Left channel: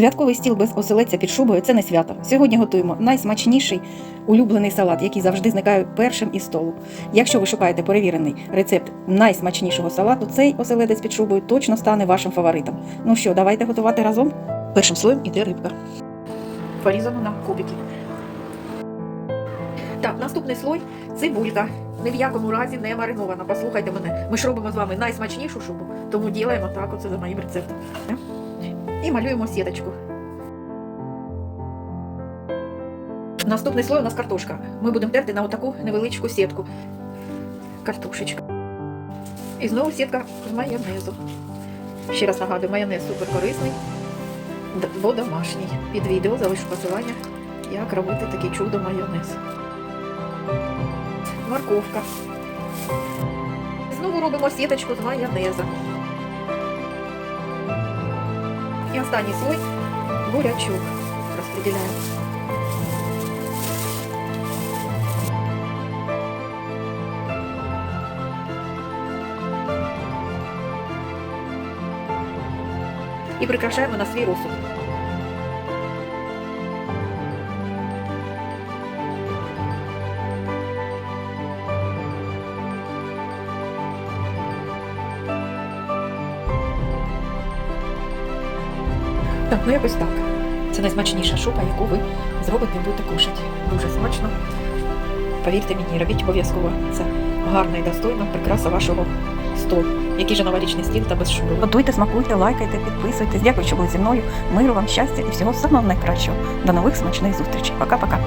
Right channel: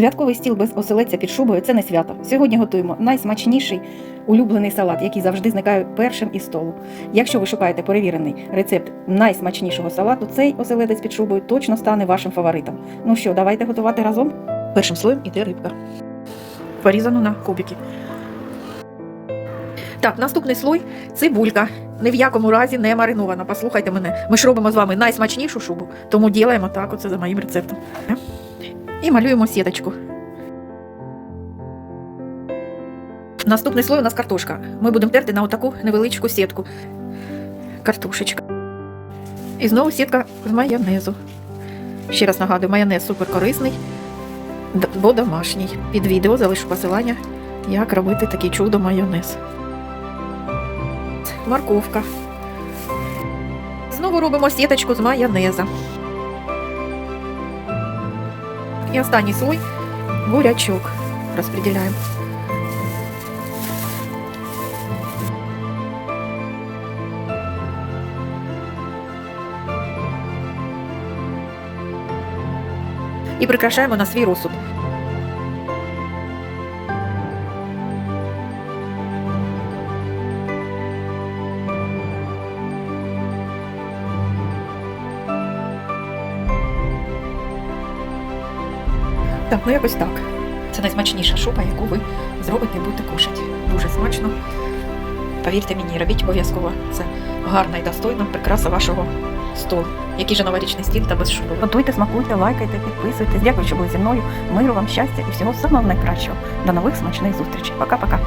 Святковий стіл без оселедця під шубою це не свято. Сьогодні готуємо найсмачніший улюблений салат, який завжди зникає першим із столу. Якщо ви шукаєте перевірений рецепт найсмачнішого салату, цей оселедець під шубою точно стане вашим фаворитом. Ну що, давайте готувати разом. Першим слоєм іде рибка. Порізано на кубики. Так, наступний слой цибулька. Ні в якому разі не маринована. Послухайте мене. Ми ж робимо з вами найсмачнішу шубу, тому ділаємо так, оце за моїм рецептом. І малюємо сіточку. Наступний слой у нас картошка. Ми будемо терти на отаку невеличку сітку. Картошечка. І знову сітка з майонезу. Ще раз нагадую, майонез супер корисний, бо домашній. Під відео залишу посилання, як робити такий чудо майонез. Морковка. Знову робимо сіточку з майонеза. І останній слой бурячок розподіляємо. І прикрашаємо на свій розсуд. Так, ну якось так. Це найсмачніша шуба, яку ви зробите і будете кушати. Дуже смачно. Повірте мені, робіть обов'язково. Це гарна і достойна прикраса вашого столу. Який же новорічний стіл та без шуби. Готуйте, смакуйте, лайкайте, підписуйтесь. Дякую, що були зі мною. Миру вам, щастя і всього самого найкращого. До нових смачних зустрічей. Пока-пока.